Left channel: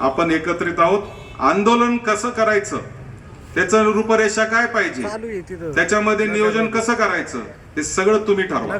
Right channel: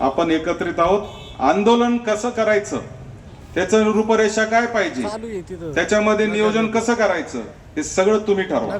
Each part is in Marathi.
आपण एकत्रित आहोत. आंदोलन कसं करायचं? त्याचं रूपरेषा काय पाहिजे? त्याच्यामध्ये नियोजन कसं करायचं? हे सगळं तुम्ही ठरवा.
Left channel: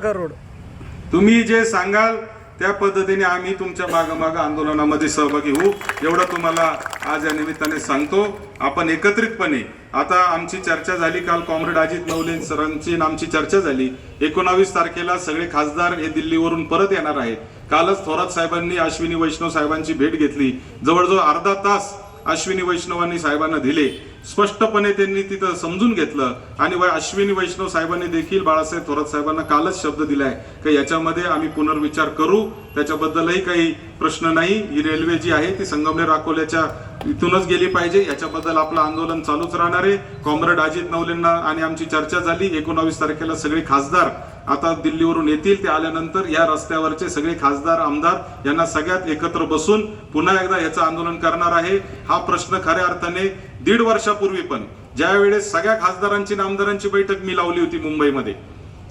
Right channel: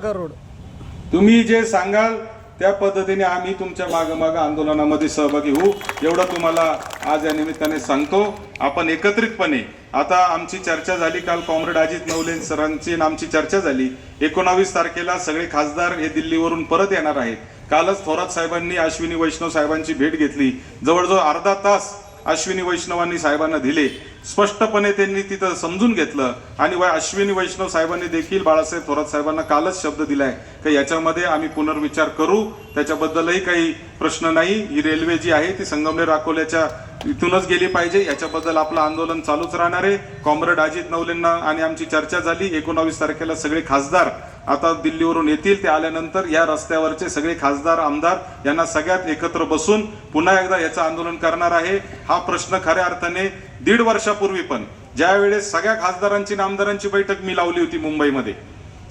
तुम्ही जे सांगाल त्या पद्धतीने आम्ही तुमच्या मागं आंदोलनामध्ये सहभागी होऊ. एवढं तुम्हाला आज या निमित्ताने सांगतो. आपण एकत्रितपणे आता आमची चर्चा झाली काल कॉम्रेड अजित नवले सरांची आमची चर्चा झाली. एकोणावीस तारखेला सगळे खासदार हे दिल्लीवरून परत येणार आहेत. कालच थोरात साहेबांनी अश्विनी वैष्णव साहेबांची भेट घेतली. जवळजवळ अर्धा तास अश्विनी वैष्णवांनी साहेबांना दिले. स्पष्टपणे त्यांनी तिथं समजून घेतलं आणि अश्विनी वैष्णव साहेबांनी देखील बाळासाहेब थोरात साहेबांना कालच शब्द दिलाय. की याच्यामध्ये आम्ही पुनर्विचार करू? त्याच्याबद्दलही काही प्रश्न नाही. ही रेल्वे जी आहे ती संगमनेर अकोल्याच्या इथूनच गेली पाहिजे. याच्याबद्दल आपलं आंदोलन चालूच राहणार आहे. कॉम्रेड अजित नवलेंना आणि आमची चर्चा झाली. एकोणावीस तारखेला सगळे खासदार आता दिल्लीवरून येतील ते आल्यानंतर या रस्त्यावरचे सगळे खासदार आमदार यांना सगळ्यात एकत्र बसून पुन्हा एकदा याचं आंदोलन करणार आहे. हा प्रश्न खऱ्या अर्थाने दीड वर्षापूर्वी पण ज्या वेळेस सगळ्या खासदारांची आणि आमदारांची बैठक मी लावली होती मुंबईमध्ये.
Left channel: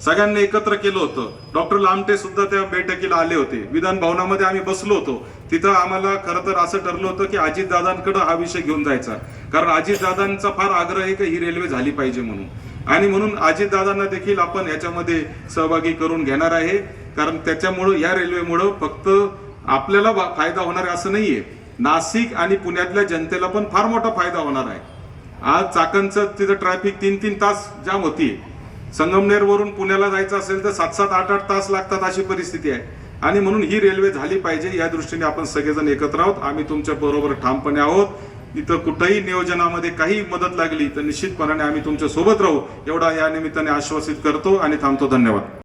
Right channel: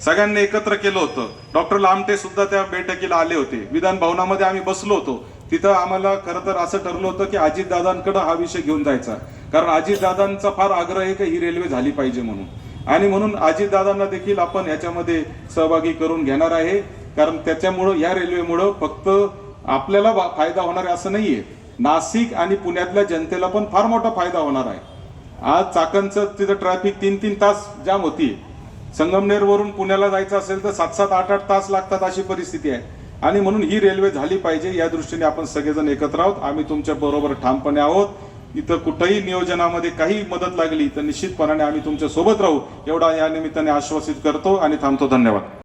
सगळ्यांनी एकत्र केलं होतं. डॉक्टर लामटे सुद्धा त्या बैठकीला आले होते. विधान भवनामध्ये आम्ही बसलो होतो. तिथं आम्हाला खरं तर असं ठरलं होतं की अजितदादांकडं हा विषय घेऊन जायचा. कारण अजितदादांचा फार आग्रह आहे की ही रेल्वे झाली पाहिजे म्हणून. आणि म्हणून अजितदादांना देखील आपण याच्यामध्ये सहभागी करून घेणार आहे. कारण त्याच्यामुळं या रेल्वेमुळं फक्त आपल्याला फायदा होणार आहे असं नाहीये. नाशिक आणि पुण्यातल्या जनतेला पण फार मोठा फायदा होणार आहे. आज चाकणचं तिथं ट्रॅफिक तीन तीन तास जाम होती. संगमनेरवरून पुण्याला जायचं असेल तर सात सात आठ आठ तास लागतात अशी परिस्थिती आहे. आणि म्हणून ही रेल्वे झाली पाहिजे या दृष्टीने आपण सगळेजण एकत्र आहोत. आम्ही तुमच्या बरोबर ठामपणे आहोत. इथं कुठंही नियोजनामध्ये काही मदत लागली तर निश्चितपणाने आम्ही तुमच्यासोबत राहू. एवढा या निमित्ताने आश्वासित करतो आणि थांबतो. धन्यवाद.